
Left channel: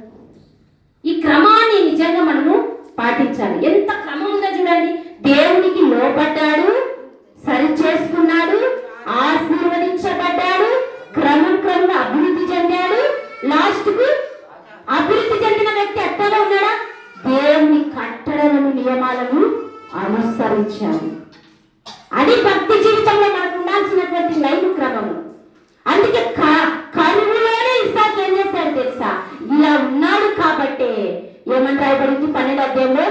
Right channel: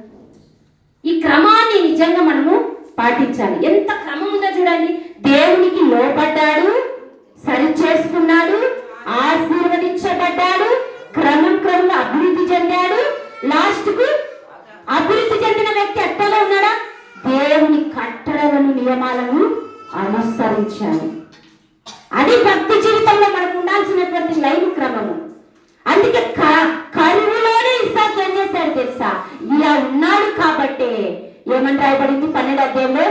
ఈ క్రమాన్ని నిజంగా మనము పాటించాలి. ఎంత క్రమం ఉందో చూడండి. దేవునికి లోబడ్డాడు, సరి చేసుకున్నాడు, ఆశీర్వదించబడ్డాడు, క్రమంగా అభివృద్ధి చెందాడు. లాస్ట్ కు అభివృద్ధి చెందిన వ్యక్తి అట్టలో ఉన్నాడా? దేవుని కట్టడలను, నియమాలను అనుసరించాలి. అది భక్తి జీవితంలో మనకు ఉండాల్సినటువంటి లైఫ్ క్రమము. అందుకే కరువులోనే ఇస్సాకు ఏం చేశాడు తెలుసా? ఇలా ఉన్నాడు కాబట్టి ఏమని రాయబడింది 12వ అధ్యాయంలో?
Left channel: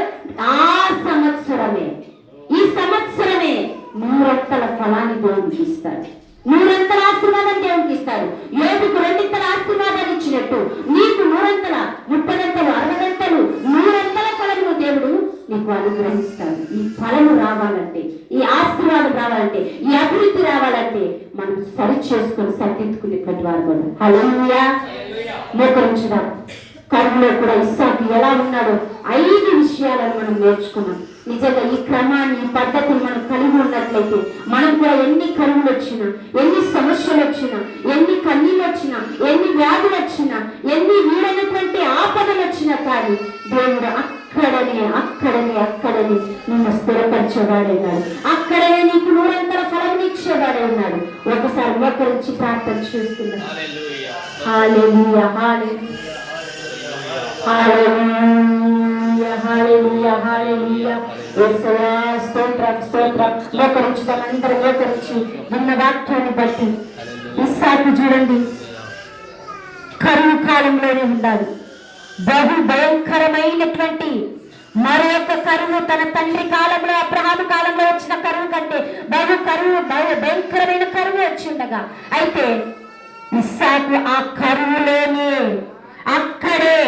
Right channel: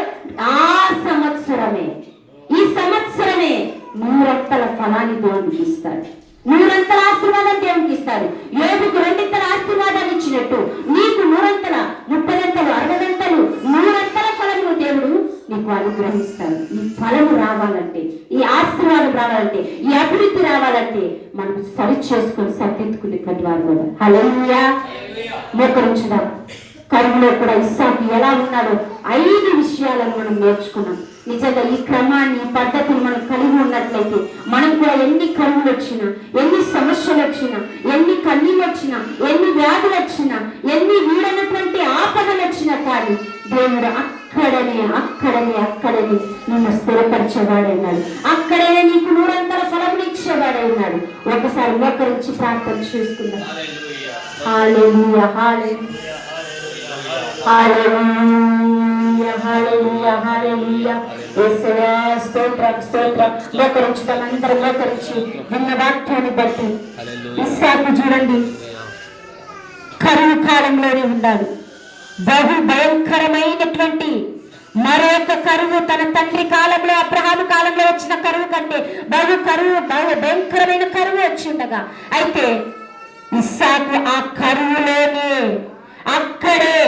ఈ సంవత్సరమే 100 ఫలాన్ని దేవునికి ఇస్తాడు. 100 ఆశీర్వాదం దేవునికి ఇస్తాడు. యోబుకు 2 ఆశీర్వాదాలు ఇచ్చినట్టు నీకు 100, 30, 60, 100 ఫలము దేవుడు నీకు అనుగ్రహిస్తాడు. ఈ ఫలము రావాలంటే, ఈ ఆశీర్వాదం రావాలంటే, ఈ అభివృద్ధి రావాలంటే మనం సరి చేసుకొని సరిదిద్దుకునేటువంటి వారు కూడా. హల్లెలూయా. మోకరించుదాం. కరువులో కూడా ఇస్సాకు ఎలా ఉన్నాడో 5 విషయాలను మనం నేర్చుకున్నాం. నిజంగా ఈ క్రమాన్ని, ఈ పద్ధతిని మనం కలిగి ఉన్నట్లయితే మనం కూడా ఎన్ని కరువులు వచ్చినా, ఎన్ని సమస్యలు వచ్చినా, ఎన్ని కన్నీళ్ళు వచ్చినా, ఎన్ని వ్యాధులు వచ్చినా, ఎన్ని వీడైనటువంటి ఆపదలు వచ్చినా కానీ దేవుడు అక్కడనే నిన్ను స్థిరపరిచేవాడే ఉన్నాడు. అక్కడనే నీకు 100 ఫలములు ఇచ్చేవాడే ఉన్నాడు. ఒకసారి మోకరించి ప్రార్థన చేసుకుందాం. హల్లెలూయా, హల్లెలూయా, హల్లెలూయా, హల్లెలూయా, హల్లెలూయా. యేసయ్యా స్తోత్రం. మోకరించుదాం. అందరూ మోకరించి విన్న వాక్యాన్ని బట్టి ఇస్సాకు చూడండి, కరువు కాలంలోనే ఉన్నాడు. బహు భయంకరమైనటువంటి మరొక కరువు తన తండ్రి కాలంలో, అబ్రహాము కాలంలో వచ్చిన కరువు కంటే బహు భయంకరమైన కరువు వచ్చిండగా, అయితే ఇస్సాకు ఆ కరువులోనే అక్కడే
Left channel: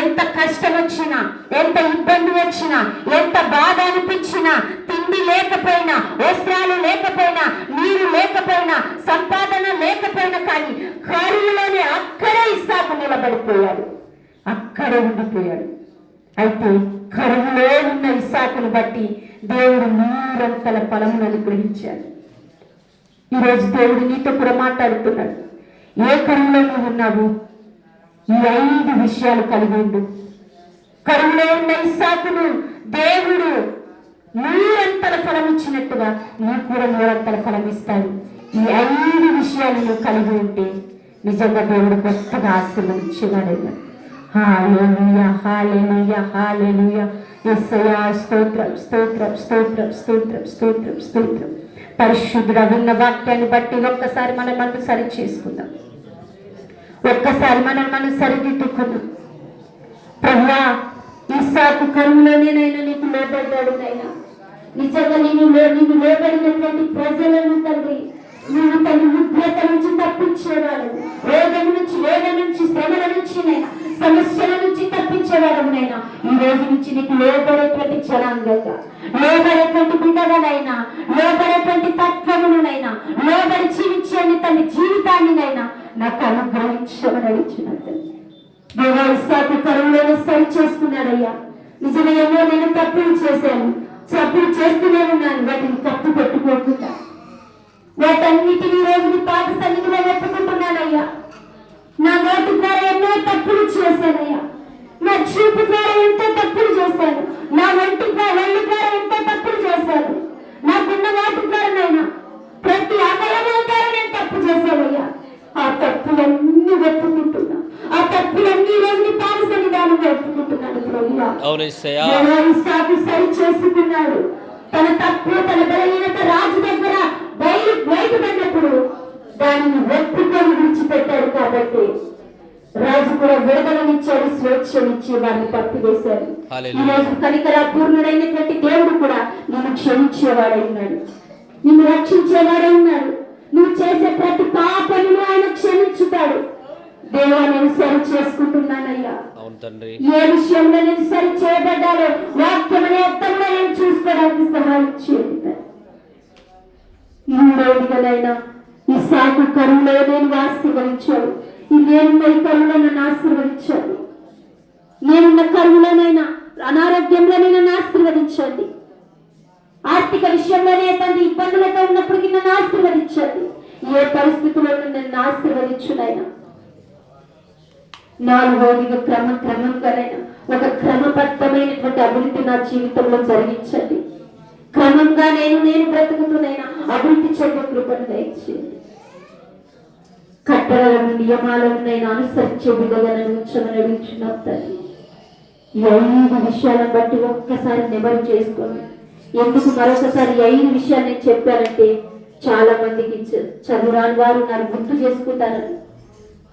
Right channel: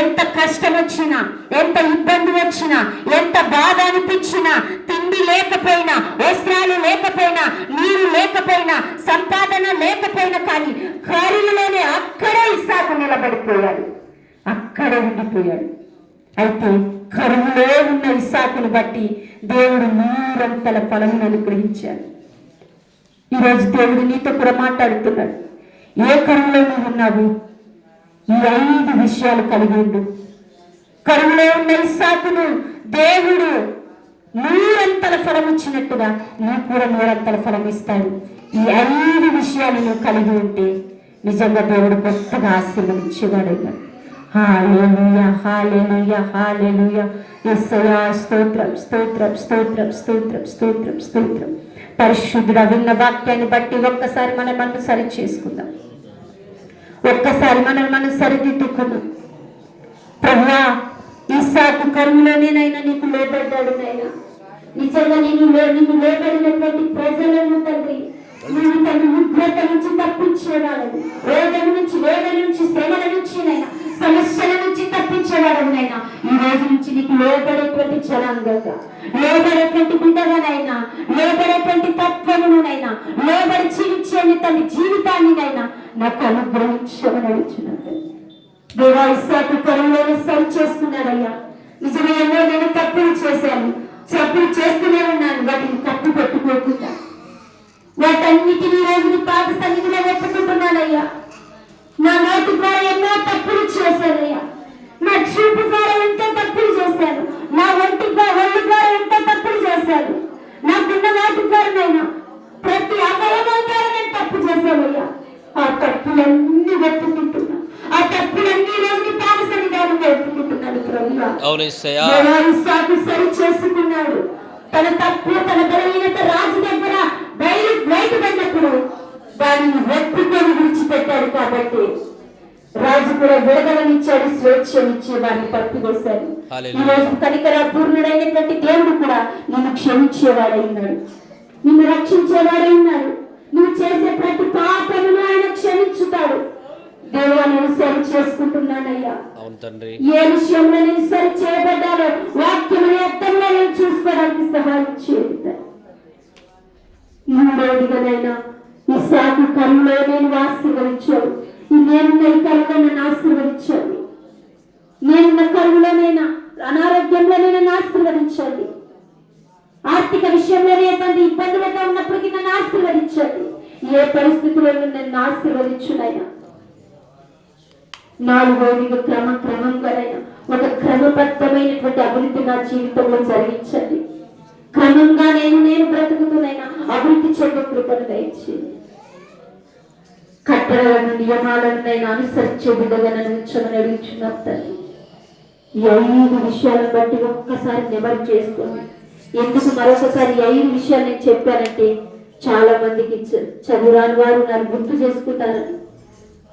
ఎంత కష్టం వచ్చినా, ఎంత ఇబ్బంది వచ్చినా, ఎంత బాధ అనిపించినా, తిండి లేకపోయినా, వస్త్రాలు లేకపోయినా, నీరు లేకపోయినా, సంపాదన లేకపోయినా కానీ కరువులోనే అక్కడే ఇస్సాకు నిలబడిపోయాడు, అక్కడే ఉండిపోయాడు. అయితే కరువులో ఉన్న ఇస్సాకును బట్టి దేవుడు 100 ఫలమును అనుగ్రహించాడు. ఈరోజు దేవుడు నీతో కూడా మాట్లాడుతున్నాడు. ఏ కరువులో నువ్వు ఉన్నావు? ఈ 5 విషయాలు కలిగి ఉండు. కరువులో ఉన్న ఇస్సాకును దేవుడు 100 ఫలం ఇచ్చినట్టుగా నీకు కూడా 100 ఫలం ఇస్తాడు. ఈ 5 విషయాలు నువ్వు కలిగి ఉంటే నిజంగా దేవుడు గొప్పగా ఆశీర్వదించేవాడు. హల్లెలూయా, హల్లెలూయా, హల్లెలూయా. యేసయ్యా స్తోత్రం, స్తోత్రం, స్తోత్రం, స్తోత్రం, స్తోత్రం, స్తోత్రం. పరిశుద్ధుడా, విన్న వాక్యాన్ని బట్టి ఒక్కసారి మనం సరి చేసుకుందాం. ఒక్కసారి మనం సరిదిద్దుకుందాం. ప్రభువా, ఇస్సాకు కరువులోనేనైనా నీకు లోబడ్డాడు నైనా. నిజంగా నీవు లోబడినటువంటి ప్రజలను తండ్రి నేను తన ఉగ్రత నుంచి తప్పించేవాడు, రోగం నుంచి, వేదన నుంచి, శ్రమల నుంచి నైనా, సమస్యల నుంచి తప్పించేవాడు నైనా. ఈ రోజు నుంచి నీకు లోబడేటువంటి జనాంగంగా, లోబడేటువంటి బిడ్డగానైనా, లోబడేటువంటి తత్వమునైనా, లోబడి జీవించే తన జీవితాన్నినైనా నాకు అనుగ్రహించమని అడుగుతున్నాను. దేవా, ఇస్సాకు కరువులోనే సరి చేసుకున్నాడయ్యా. నిజమే, ఎన్నో నేను తప్పులు చేశాను, తప్పులు చేస్తూనే ఉన్నాను. వాటిని తప్పు పెట్టుకోకుండా వాటన్నిటిని రోజులు పాత సన్నిధిలో ఒప్పుకుంటున్నానయ్యా. నా నోటి ద్వారా ఎన్నో తప్పులు చేశానయ్యా. నా చూపు ద్వారా ఎంతో తప్పులు చేశాను. నా ఒంటి ద్వారా ఎంతో తప్పులు చేశాను. నాకున్న వాటి ద్వారానైనా ప్రతి అవయవం ద్వారా నేను తప్పు చేశానయ్యా. ఆ తప్పులన్నీ ఒప్పుకుంటున్నా. ఆ తప్పులన్నీ రోజులు పాత సన్నిధానంలో ఒప్పుకుంటున్నాడు. ప్రభువా, ఇస్సాకు సరి చేసుకున్నాడు. తన తప్పు, తన బలహీనత రాజు దగ్గర బయటపడినప్పుడు దానిని ఒప్పుకొని విడిచిపెట్టాడు. కాబట్టి రాజు కూడా విడుదలనిచ్చాడు, స్వేచ్ఛనిచ్చి వారిని తప్పివేశాడు. ఈ రోజు కనికరా పూర్ణుడైనటువంటి దేవుడు కూడా నిన్ను క్షమించేవాడై ఉన్నాడు, నిన్ను రక్షించేవాడై ఉన్నాడు. నువ్వు చేసే ప్రతి పాపమును ఆయన క్షమించుతాడు. దేవుడా, నేను సరి చేసుకుంటున్నానయ్యా. ఏ విషయంలో నేను సరి చేయబడ్డాలో వాక్యం అనే అర్థంలో నేను చూసుకోవడానికి సహాయం చేయండి. మూడవదిగానైనా ఇస్సాకు కరువులో నేను ఆశీర్వదించాడు. నేనున్న ఈ కరువులో నన్ను ఆశీర్వదించండి. నేనున్న కరువులోనైనా, అనారోగ్యంలో నన్ను ఆశీర్వదించండి. ఆర్థిక విషయంలోనే తండ్రి ఇబ్బందులతో ఉన్నప్పటికీ నన్ను ఆశీర్వదించండి. ఏ పరిస్థితుల్లో నన్ను ఆశీర్వదించునైనా. 4వదిగా క్రమంగానైనా ఒక క్రమబద్ధమైనటువంటి అభివృద్ధి నా జీవితంలో జరిగించండి. క్రమంగా నేను బ్రతుకుతున్నైనా అభివృద్ధి చెందే కృపను దయచేయండి. కట్టడలను, నియమాలను నేను అనుసరించే విధంగా నన్ను ఉంచమని అడుగుచున్నాను తండ్రి. ఈ 5 విషయాలను బట్టి ఒక్కసారి నెమరు చేసుకోండి. ఎందుకు మరొకసారి 5 విషయాలు నేను చెప్పానంటే చాలా మందికి చదువురాని వారు నన్ను గుర్తు చేసుకుంటారని,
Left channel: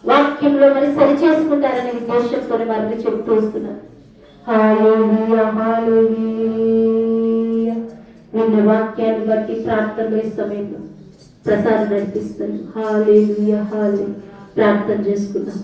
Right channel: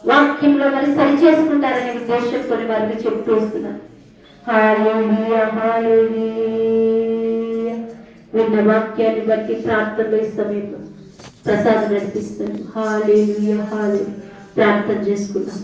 వాక్యంలో మరి సరి చేసుకుంటారనే ఉద్దేశంతో వారిని చెప్తూ వస్తున్నాను. హల్లెలూయా, హల్లెలూయా. విన్న వాక్యాన్ని బట్టి ప్రార్థన సమయంలో ప్రసాదం నడిపిస్తుంది. హల్లెలూయా, హల్లెలూయా. ప్రార్థన చేసుకుందాం.